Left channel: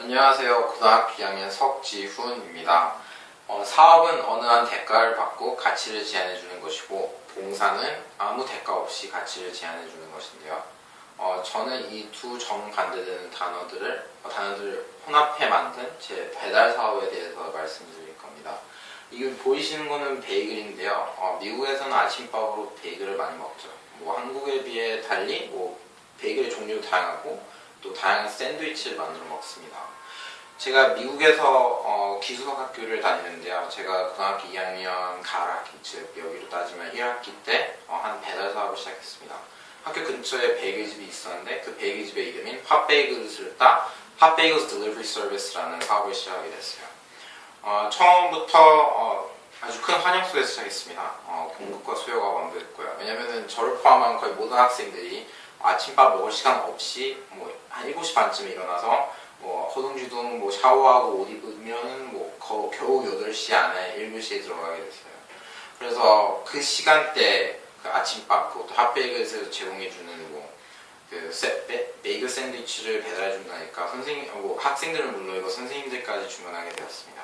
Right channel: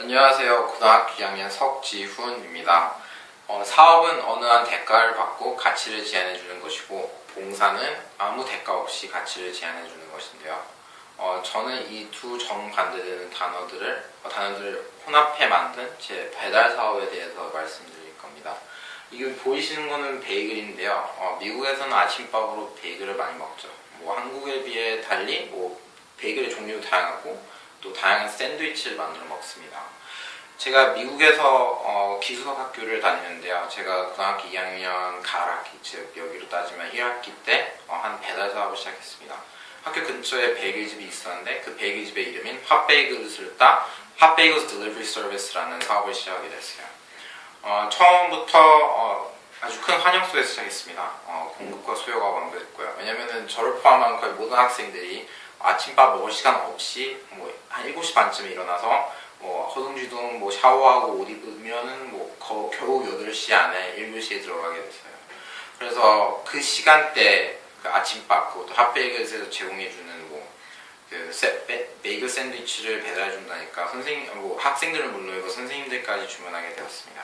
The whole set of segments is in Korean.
안녕하세요. 고등학교 2학년 석지훈입니다. 어, 사업은 어느 한 대가를 받고 가치를 제한해 주는 것이고 봉사는 아무 대가 없이 가치를 제한해 주는 것인데요. 어, 저는 이 두 정반대되는 단어들을 어, 단어들을 혼합해 만든 제 배달 사업에 대해서 말씀드릴 겁니다. 이거 보이시는 거는 베이글인데요. 어, 미국에서는 아침밥으로 베이글을 많이 먹죠. 뭐 한국에 비해 달리 뭐 베이글의 종류도 다양하고 또 다양한 샌드위치를 만들어 먹습니다. 제가 미국에서 어, 기숙학 학교를 다니는데요. 제가 고등학교 2학년 가을학기, 즉 여기로 따지면 1학기 때한 배달 사업을 시작했습니다. 학교 근처에 베이글집이 있었는데 그 베이글집의 이름인 핫베이글스를 따 핫베이글스 딜리버리 서비스라는 사업을 시작하게 됐어요. 어, 처음부터 어, 아주 큰 환영 속에서 시작했습니다. 어, 공급과 수요가 완벽했고요. 왜냐면은 저를 포함한 거의 모든 학생들이 아침밥 먹을 시간 없이 뭐 한 7시 반쯤에 일어나서 뭐 허둥지둥 뭐 샤워하고 옷 입으면은 뭐 거- 겨우 8시 안에 1교시에 들어가게 됐어요. 그래서 그 시간대 그 아침밥 그것도 핫베이글에서 제공해주는 뭐그 베이글 샌드위치를 배달해준다니까 선생님 뭐 학생들은 물론이고 선생님들까지 주문하게 되었습니다.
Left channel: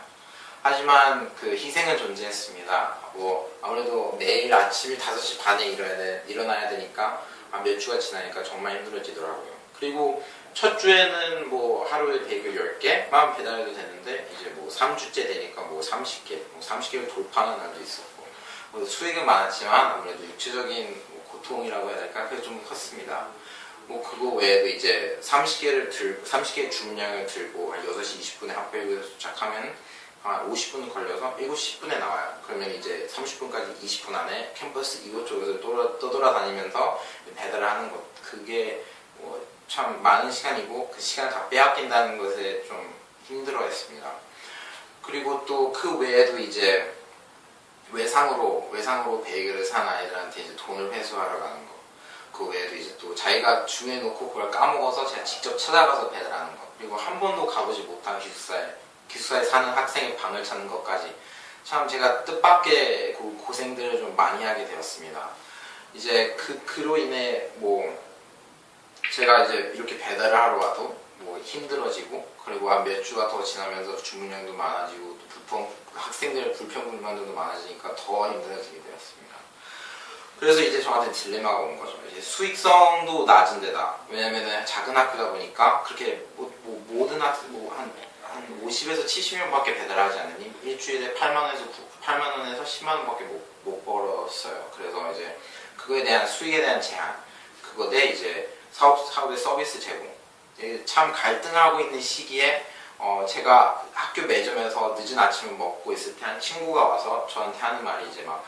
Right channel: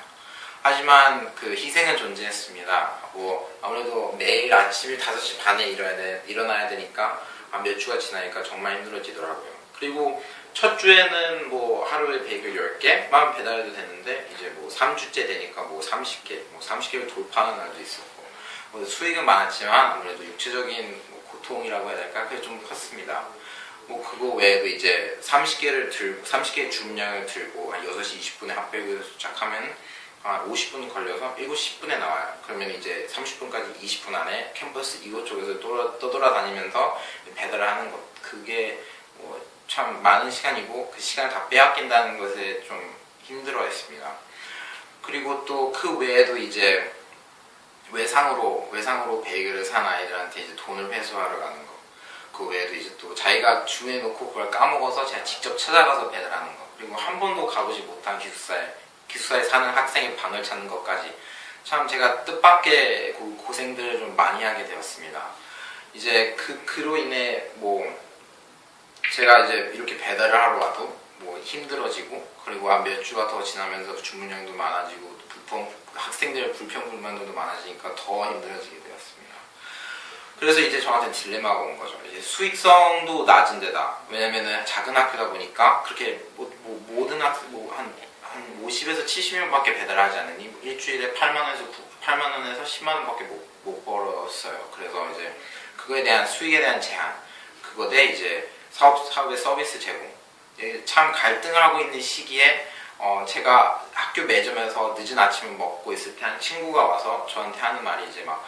하지만 그 희생은 존재했습니다. 뭐 아무래도 매일 아침 5시 반에 일어나야 되니까 아, 몇 주가 지나니까 정말 힘들어지더라고요. 그리고 첫 주에는 뭐 하루에 베이글 10개만 배달해도 되는데 이제 뭐 3주째 되니까 뭐 30개, 뭐 30개를 돌파하는 날도 있었고 뭐 수익은 많았지만 아무래도 육체적인 뭐 고통이라고 해야 될까 그게 좀 컸습니다. 뭐 그거 외에도 이제 30개를 들고 30개의 주문량을 들고 한 6시 20분에 핫베이글 도착하면 한 50분 걸려서 7시 10분에 나와요. 그러면 이제 30분까지 20분 안에 캠퍼스 이곳저곳을 돌아, 떠돌아 다니면서 배달을 하는 것 그게 뭐 참 많은 시간이고 그 시간을 다 빼앗긴다는 것에 좀 힘들어했습니다. 그리고 또 그 외에도 이제 외상으로 외상으로 베이글을 산 아이들한테 이제 돈을 회수하러 가는 거. 그 외에도 이제 또 자기가 주문해놓고 그걸 까먹어서 제가 직접 찾아가서 배달하는 거. 그리고 한 번도 가보지 못한 기숙사에 기숙사에 사는 학생의 방을 찾는 것까지 참 제가 뜻밖의 고- 고생들을 좀 많이 하게 되었습니다. 이제 그 그로 인해 뭐 제가 이제 이렇게 배달을 하러 와도 뭐 힘들어지고 그리고 한 몇 주가 더 지나면서 주문량도 많아지고 또 불평 학생들의 불평 불만들도 많아지니까 더 힘들어지게 되었습니다. 그래서 이제 저한테 딜레마가 온 거죠. 이제 수익성도 낮은 데다 왜냐면은 작은 학교다 보니까 그렇게 뭐, 뭐 모든 학생 뭐한 한 50에서 70명밖에 배달하지 않으니 뭐 일주일에 8만 원에서 9, 8만 원에서 10만 원밖에 못, 못 벌었어요. 그래서 이제 그거에 대한 수익에 대한 제한 그거 대 이제 사업 사업의 서비스 제공. 예, 참 갈등을 하고 있는 시기에 어, 제가 학교 매점에서 늦은 아침을 먹고 있을 때 한 친구가 와서 저한테 하는 말이 이제 막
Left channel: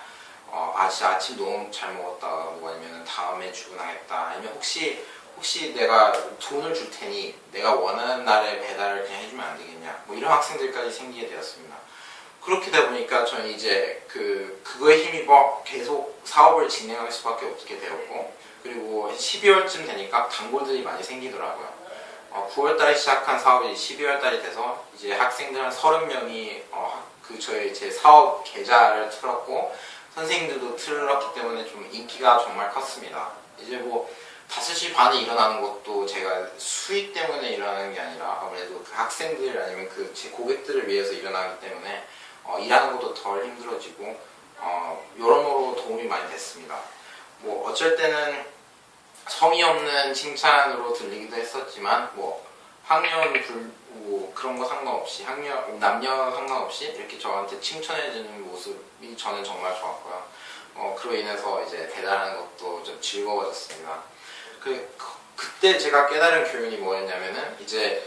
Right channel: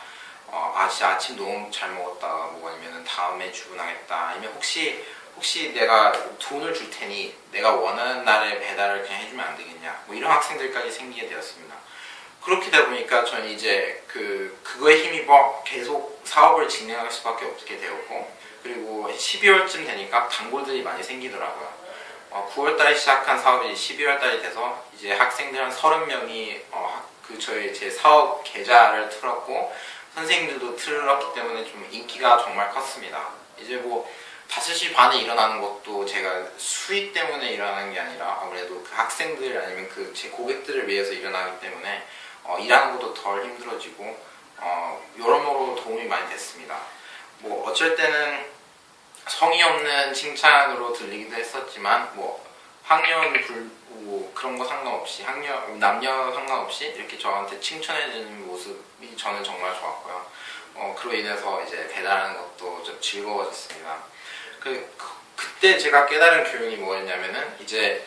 어, 아 진짜 아침 너무 잘 먹었다. 뭐 아니면 다음에 출근하겠다. 아니면 혹시 혹시 내가 돈을 줄 테니 내가 원하는 날에 배달을 그냥 해주면 안 되겠냐. 뭐 이런 학생들까지 생기게 되었습니다. 그렇게 되다 보니까 저는 이제 그 그거에 힘입어 계속 사업을 진행할 수밖에 없게 되었고 그리고 12월쯤 되니까 단골들이 많이 생기더라고요. 어, 9월달에 시작한 사업이 12월달이 돼서 이제 학생들 한 30명이 어, 학- 그 저희 제 사업 계좌를 틀었고 선생님들도 틀었기 때문에 좀 인기가 정말 컸습니다. 이제 뭐 5시 반에 일어나는 것도 제가 수익 때문에 일어나는 게 아니라 아무래도 그 학생들 아니면 그 제 고객들을 위해서 일어나기 때문에 어, 일하는 것도 덜 힘들어지고 어, 여러모로 도움이 많이 됐습니다. 뭐 어쩔 때는 성의 없는 칭찬으로 들리기도 했었지만 뭐 학년 불, 뭐 그런 거 상관없이 학년 남녀 상관없이 이렇게 저한테 칭찬해주는 모습이 저는 정말 좋았고요. 어, 그로 인해서 이제 배달하는 것도 좀 즐거워졌습니다. 그, 그 그때 제가 깨달은 교훈이 뭐였냐면은 이제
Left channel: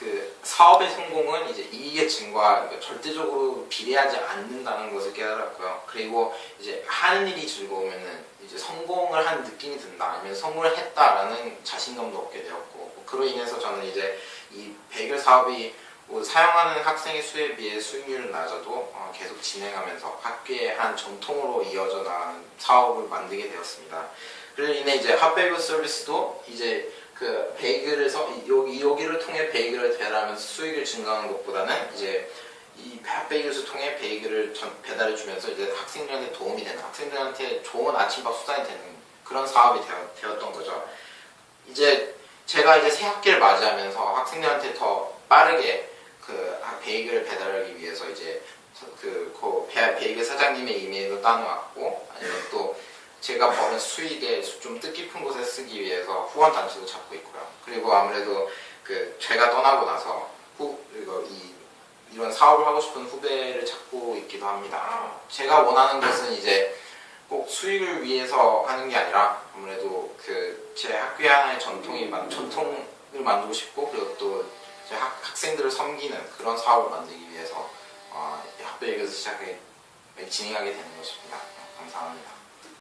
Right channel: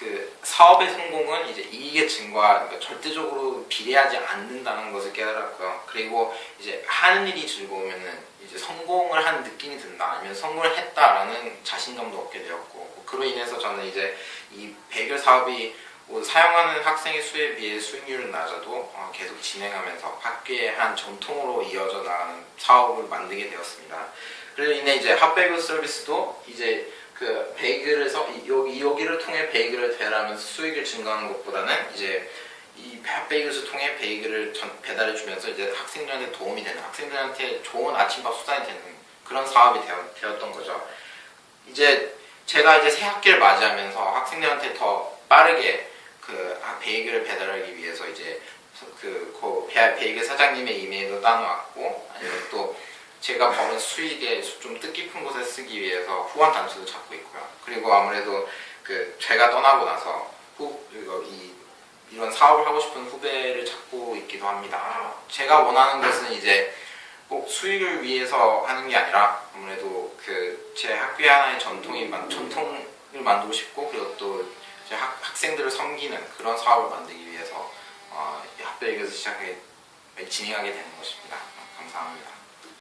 그 사업의 성공은 이제 이익의 증과 그러니까 절대적으로 비례하지 않는다는 것을 깨달았고요. 그리고 이제 하는 일이 즐거우면은 이제 성공을 한 느낌이 든다 아니면 성공을 했다라는 자신감도 얻게 되었고 뭐 그로 인해서 저는 이제 이 베이글 사업이 뭐 사용하는 학생의 수에 비해 수익률은 낮아도 어, 계속 진행하면서 학교의 한 전통으로 이어져 나가는 사업을 만들게 되었습니다. 그로 인해 이제 핫베이글 서비스도 이제 그 이- 여기 여기를 통해 베이글을 배달하면서 수익을 증가하는 것보다는 이제 이 핫베이글을 통해 베이글을 전- 배달해 주면서 이제 학생들한테 도움이 되는 학생들한테 좋은 아침밥 수단이 되는 그런 사업이 되었, 되었 던 거죠. 이제 제가 이제 새 학기를 맞이하면서 학생들한테 더 빠르게 그 베이글을 배달하기 위해서 이제 그, 그 베- 베이글 사장님의 이메일도 따놓았고 제가 버는 수익에 좀 뜻깊은 곳에 쓰기 위해서 후원 단체도 찾고 있고요. 그리고 아무래도 그 제가 떠나고 나서 후 이거 이 이런 사업을 하고 싶은 후배를 찾고 있기도 합니다. 제가 원하는 것은 이제 꼭 수익을 위해서 하는 게 아니라 아무래도 그 제 학교의 하나의 전통이 만- 전통을 만들고 싶고 그리고 또 제 학, 학생들을 섬기는 그런 사업을 만들기 위해서 어, 이 학교에서 시작해 진행하게 되는 것입니다. 감사합니다.